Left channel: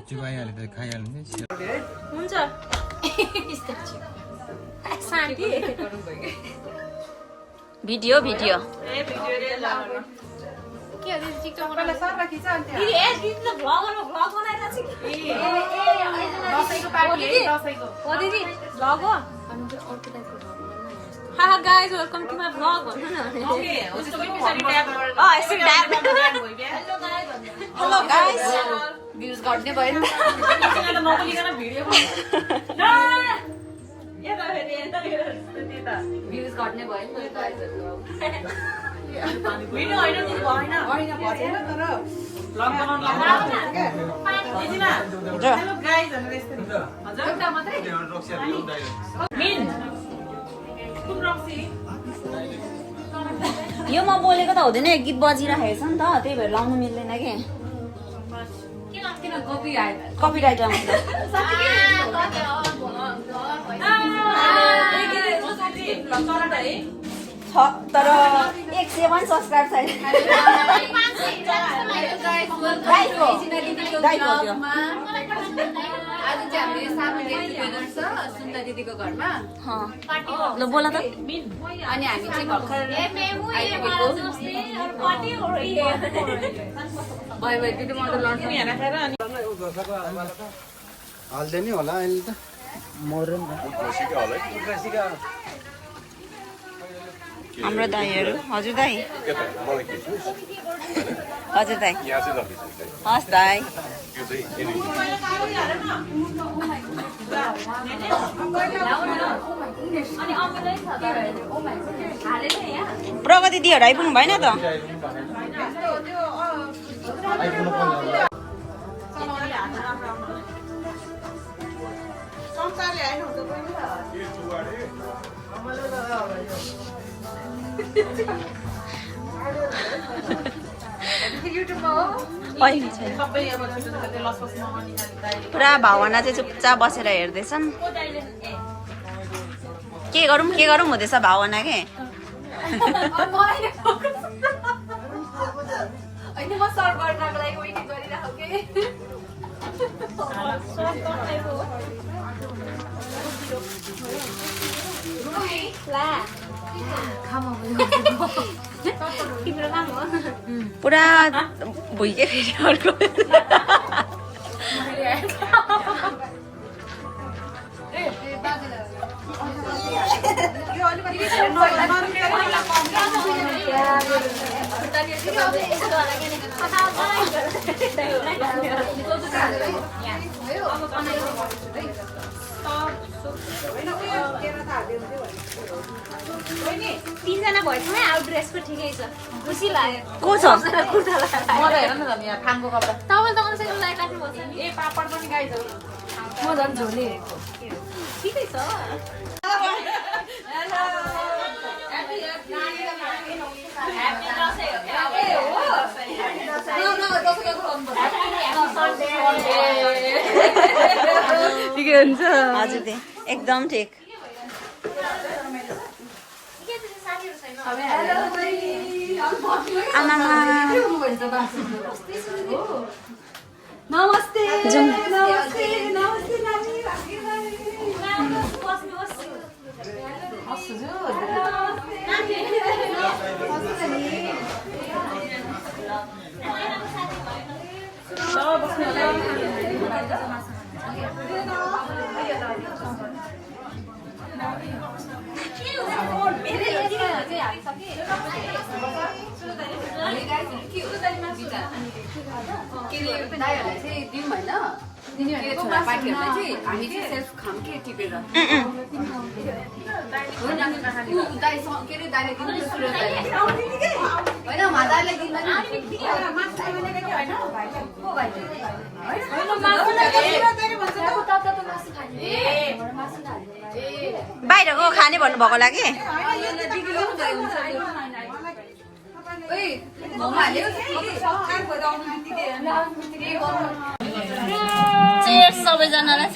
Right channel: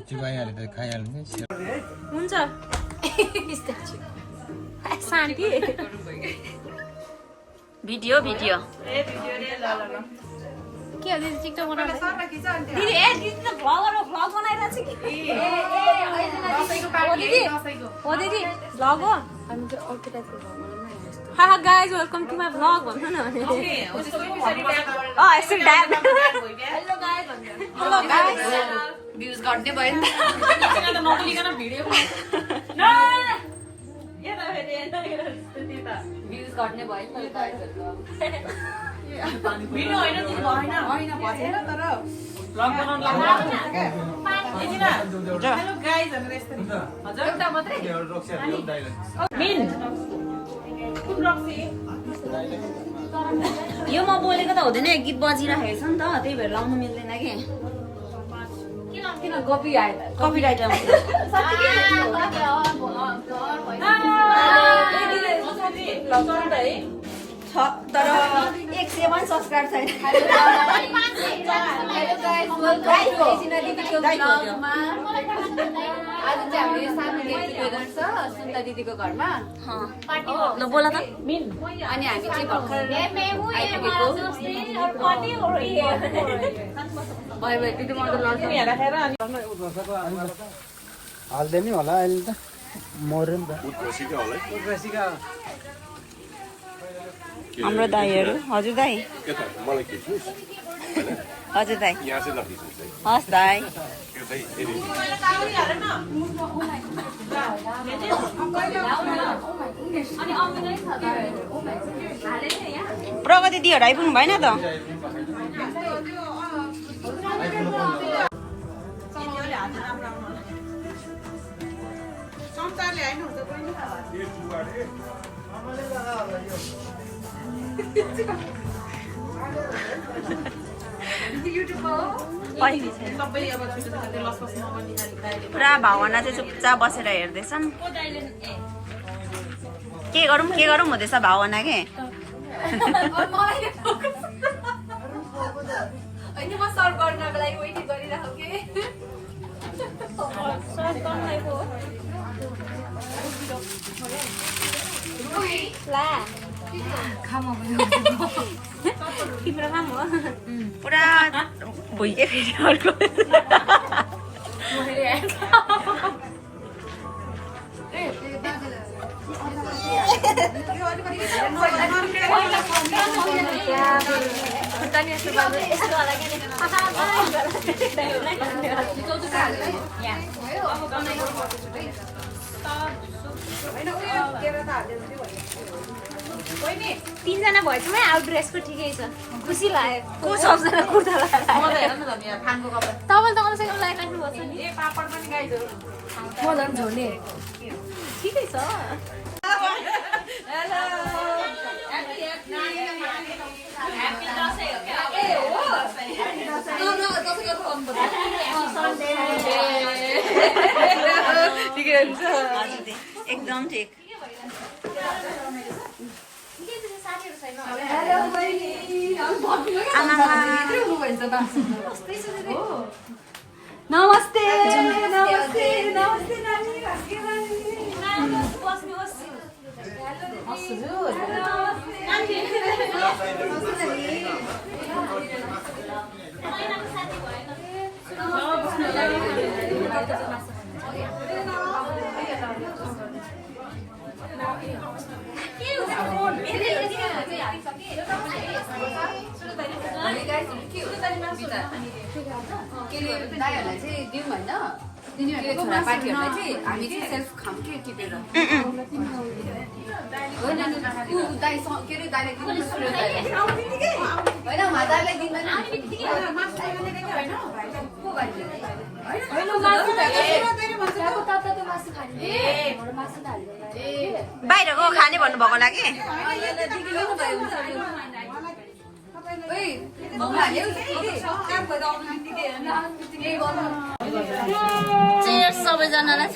Statue आइहाल्यो त खाइहाल्ने हुन्छ भिडियो भिडियो के अनि टिकटक दिदी ए दिदी त भ्लग बनाइरहेछ कि दसैँको पार्टी है दसैँको हो दिदी भ्लग हो हाहा guys welcome to my vlog okay उसको पछाडी ट्याग गरेर एकछिन tag hello guys hello guys views घट्ने भयो नि त नबोलिकन भिडियो भ्युज घट्ने भयो नि गाइसहरुको भिडियो हैन हैन भएन तर भ्लग बनाउन लाग्यो हेलो गाइज भनेर यस्तो हजुर एउटा मात्रै मिन यो म बोलेको त हुँदैन गीत बजिरहेको छ नि त त्यही भएर लाउनु मिल्दैन कि किन कपिराइट कपिराइट आउँछ तर 107 सब्सक्राइब छैन आज चाहिँ हामीले सानो दिदीको घर छ सुन्दा दिदीको घरमा ल बोल त अनि हामी चाहिँ भर्खर आइपुगेको भयो भयो दिदी म त लड्छ हाल्दैन नि होला अहिले त मर्यो नि त हाम्रो दाइहरू हजुर दाइ हजुर दाइ हस् दाइ प्रगति दिदीहरू आइपुग्नु भएन त पुरा भावना चाहिँ चुपचाप बसेर हेर्दैछन् के गरौँ हुँदैछ भावना के होइन म सर्भ गर्नको लागि वेटिङ गरिरहेको पुरा भुइँकै फेरि अर्को तीनजना भएछौँ आउट ड्रेसको ठिकै छ खुसी लाग्यो को छ तपाईँ राख्नु भएको छ नि ए पापड पनि गाइज हो म झन् झोले ठिकै छ ठिकै हुन्छ हजुर एकदम ठिक नमस्ते दाइहरूलाई चाहिँ दिउँ होइन तिनीहरूले छोरा पार्टीहरूलाई चाहिँ हामी चाहिँ सेल्फ खाम के टिपेर होइन दाइसँग के अरे दाइले दिनु होइन दाइलाई दिँदैन बाहिरको खाने भन्नुभएको लागि सबैजनालाई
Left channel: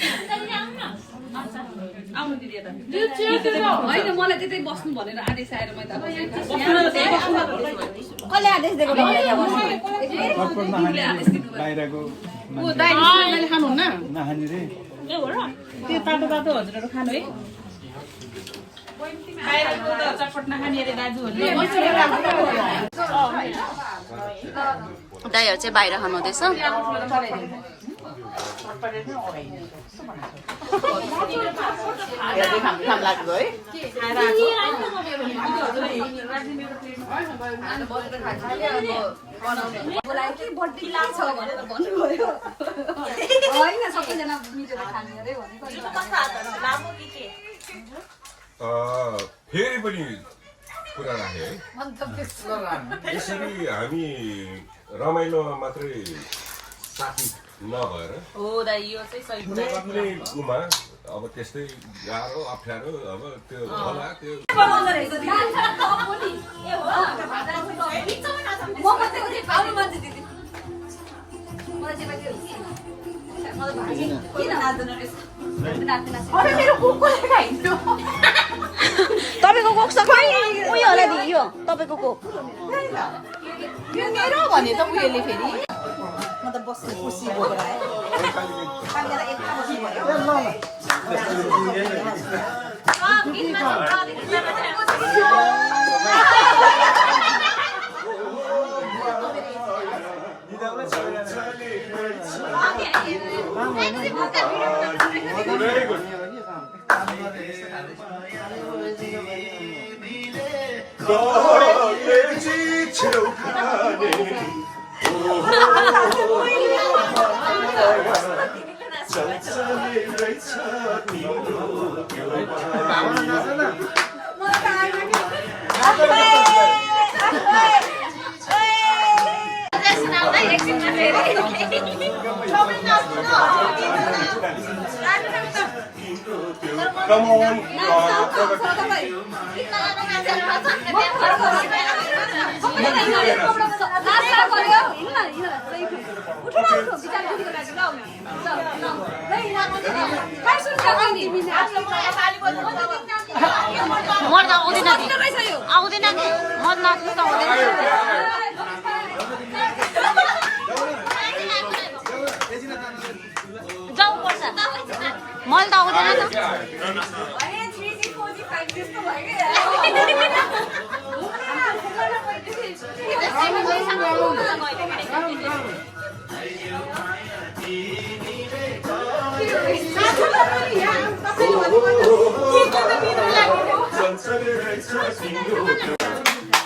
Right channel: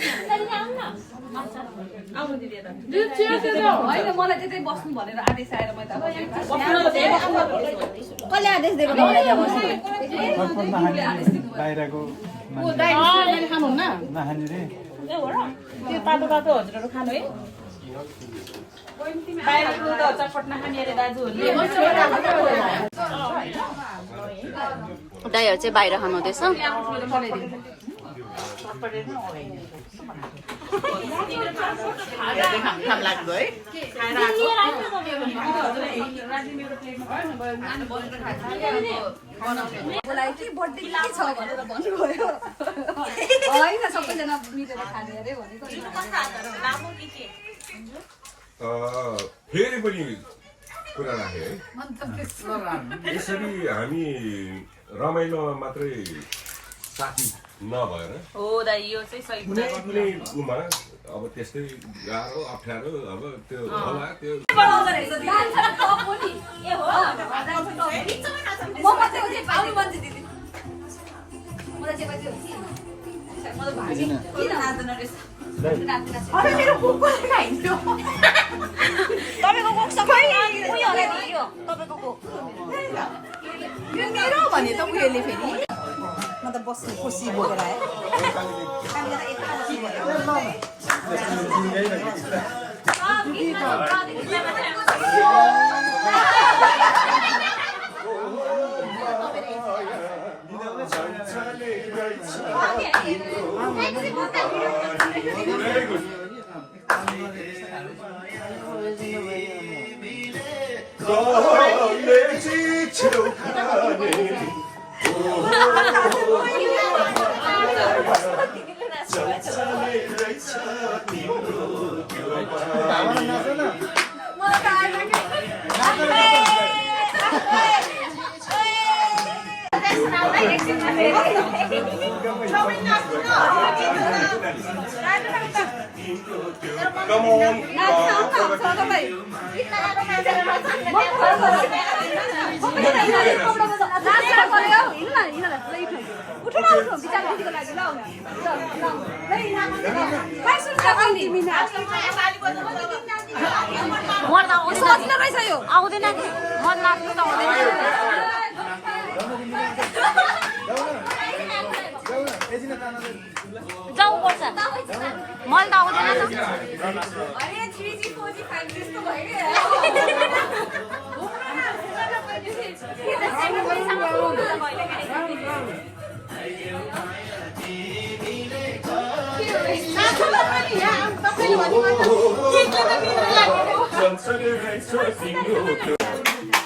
होइन मलाई त्यतै बस्नु भनेर आदेश आएर कसले आदेश दिएको बाहिरको नखाने रे दाइहरू चाहिँ बाहिर खानुहुँदैछ फेरि पनि कुरा राखेँ है यसरी हामी रमाइलोमा मात्रै साथी नभएर कुनै कुनै उमा अब त्यस्तै गाह्रो अप्ठ्यारो अब त्यो होला त्यो तपाईँको कोकसँग उयो होला नि यो तपाईँको कोक Come on. मलाई त आउँदैन आउँदैन कि म नाच्नु त आउँदैन जाऊ पर्छ मलाई त आउँदैन त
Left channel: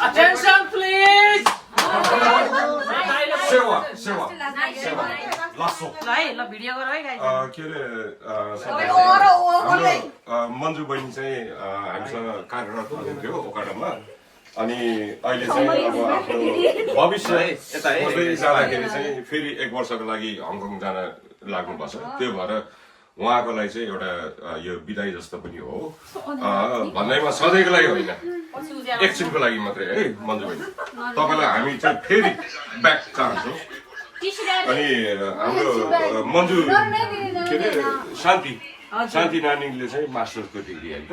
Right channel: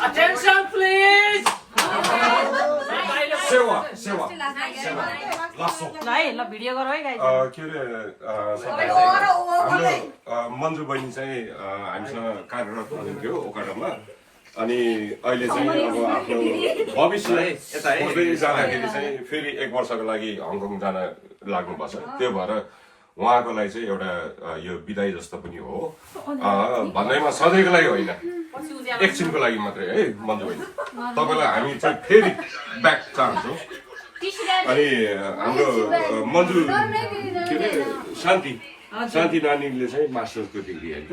Attention, please. सेवा लासो ल भिडियो गर है के अरे मन्जु बहिनी चाहिँ हामीसँग कार्यरत हुनुहुन्थ्यो ओकाडोमा अनि अहिले चाहिँ अब आफ्नो भविष्य खोज्दै जाँदाखेरि चाहिँ फेरि 1 वर्षको लागि हङकङ जान लाग्नुभएको छ त्यो भएर उहाँको लागि चाहिँ एउटा यो बिदाई जस्तो पनि हो भन्दैमा सधैँको लागि होइन एकछिनको लागि मात्रै है मन्जु बहिनी तपाईँलाई हामी चाहिँ फेरि ब्याक चाहन्छौँ अनि हाम्रो मन्जु के अरे शान्ति नानीले चाहिँ मास्टर्सको डिग्री होइन त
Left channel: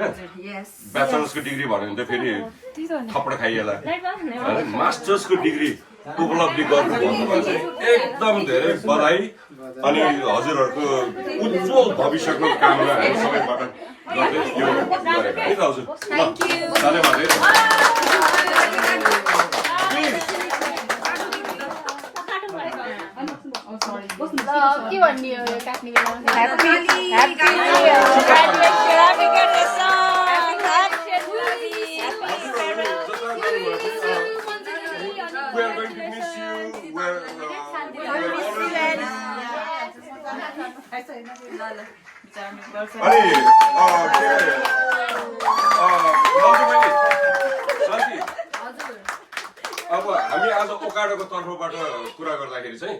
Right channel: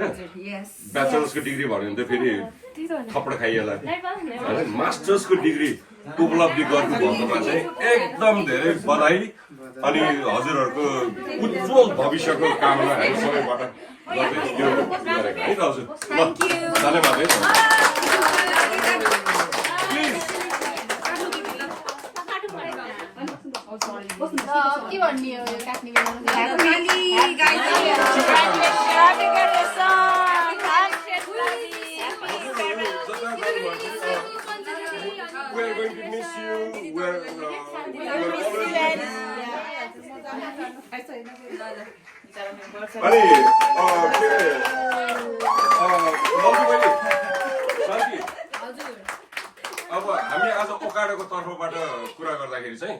ब्याचलर्सको डिग्री भन्यो भने त फेरि थप्पड खाइएला होइन मास्टर्सको डिग्री उपलब्धि गर्नु भन्नुमा चाहिँ एकदम धेरै बधाई अनि हजुरहरूको उज्जवल भविष्यको कामना हामी सबैबाट गर्दै यो गरेको है दाजु ल धन्यवाद है के भन्ने हो काट्ने We are going to miss you. We are अब हामी आज ओकाडोको तर्फबाट कुरा गर्दाखेरि चाहिँ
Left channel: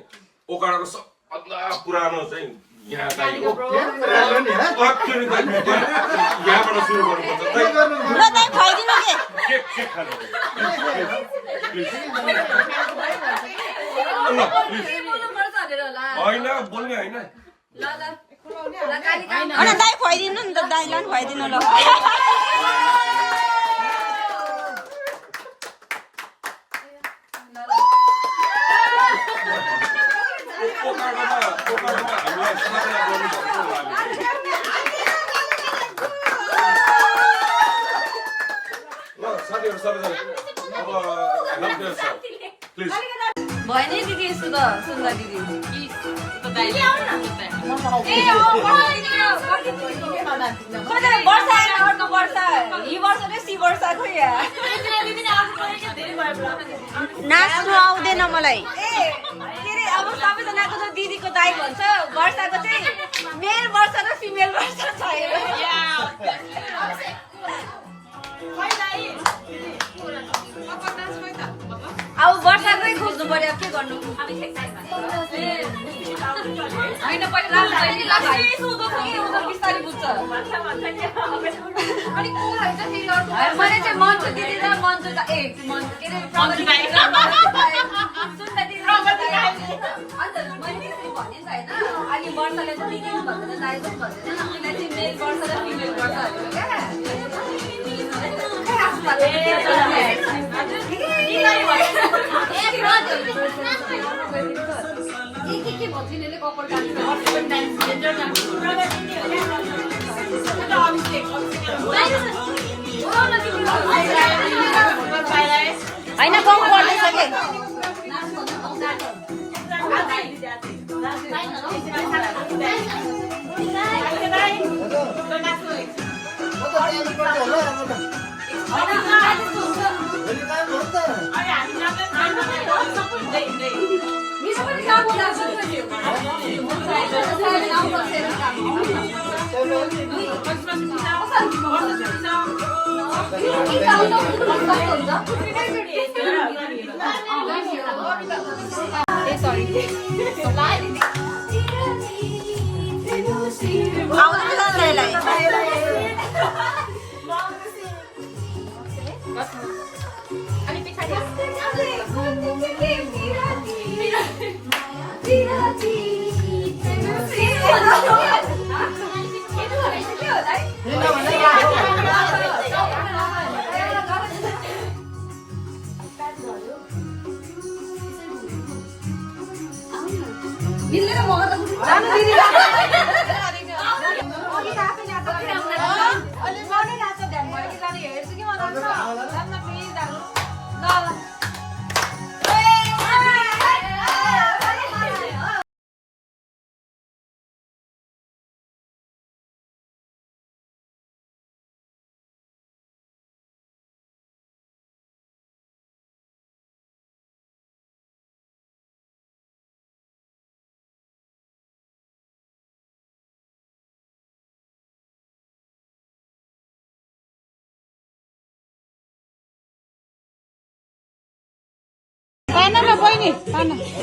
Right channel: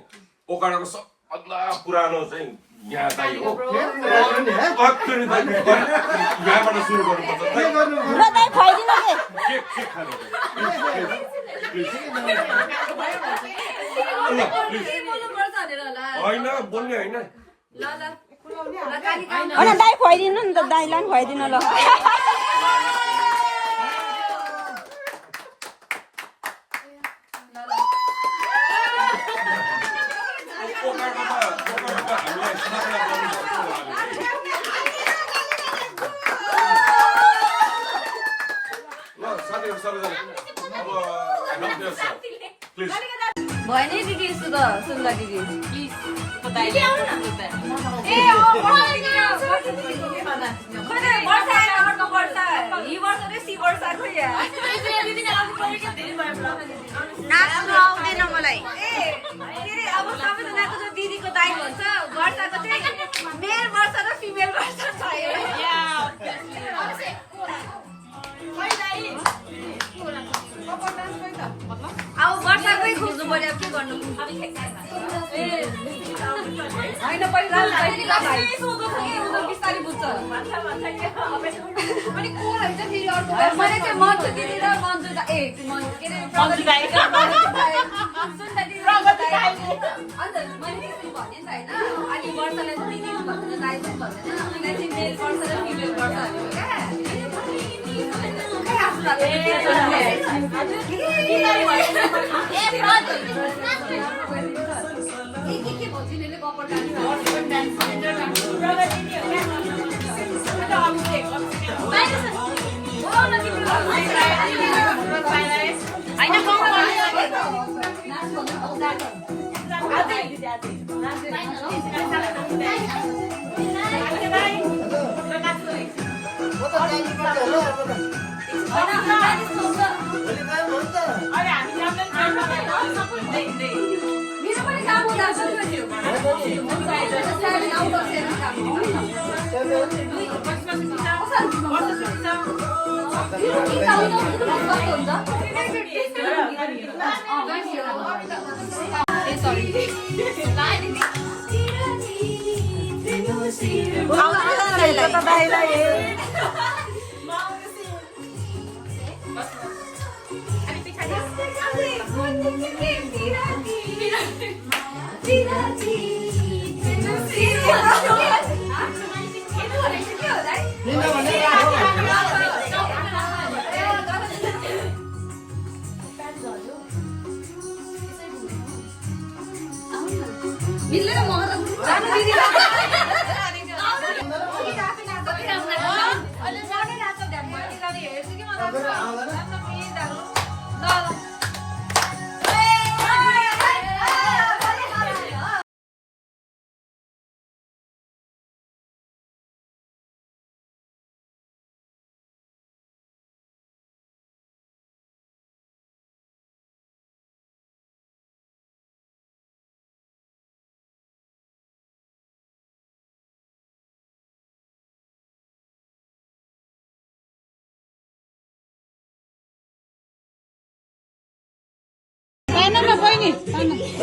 ओकाडोको सबभन्दा पुरानो चाहिँ यहाँ दाइ हो यहाँबाट सुरु गर्नुपर्छ के खानु होइन बोल्ने होइन दाइ खुवाइदिनु नि त दाइलाई पनि खुवाइदिनु ल अब help yourself. Please. भयो नि दिदी यस्तो त सुन्दा दिदी नाच्नु आउँदैन मलाई अब सबैजनाको त दिदीको दाइ भन्छ वर्षाको चाहिँ मेल वर्षा र फिमेल वर्षा छ अब वर्षाकै खोज्नु पर्यो के गर्नु बिस्तारै बुझ्छ मैले चाहिँ मन्चु दिदी र मन्चु के अरे अन्त मैले त्यसरी भने नि त होइन अनि वर्षाले चाहिँ दिदी भन्दैन दाइ चाहिँ भन्दैन उनीलाई चाहिँ मेल वर्ष र फिमेल वर्षहरू क्या होइन गाउँ Hello.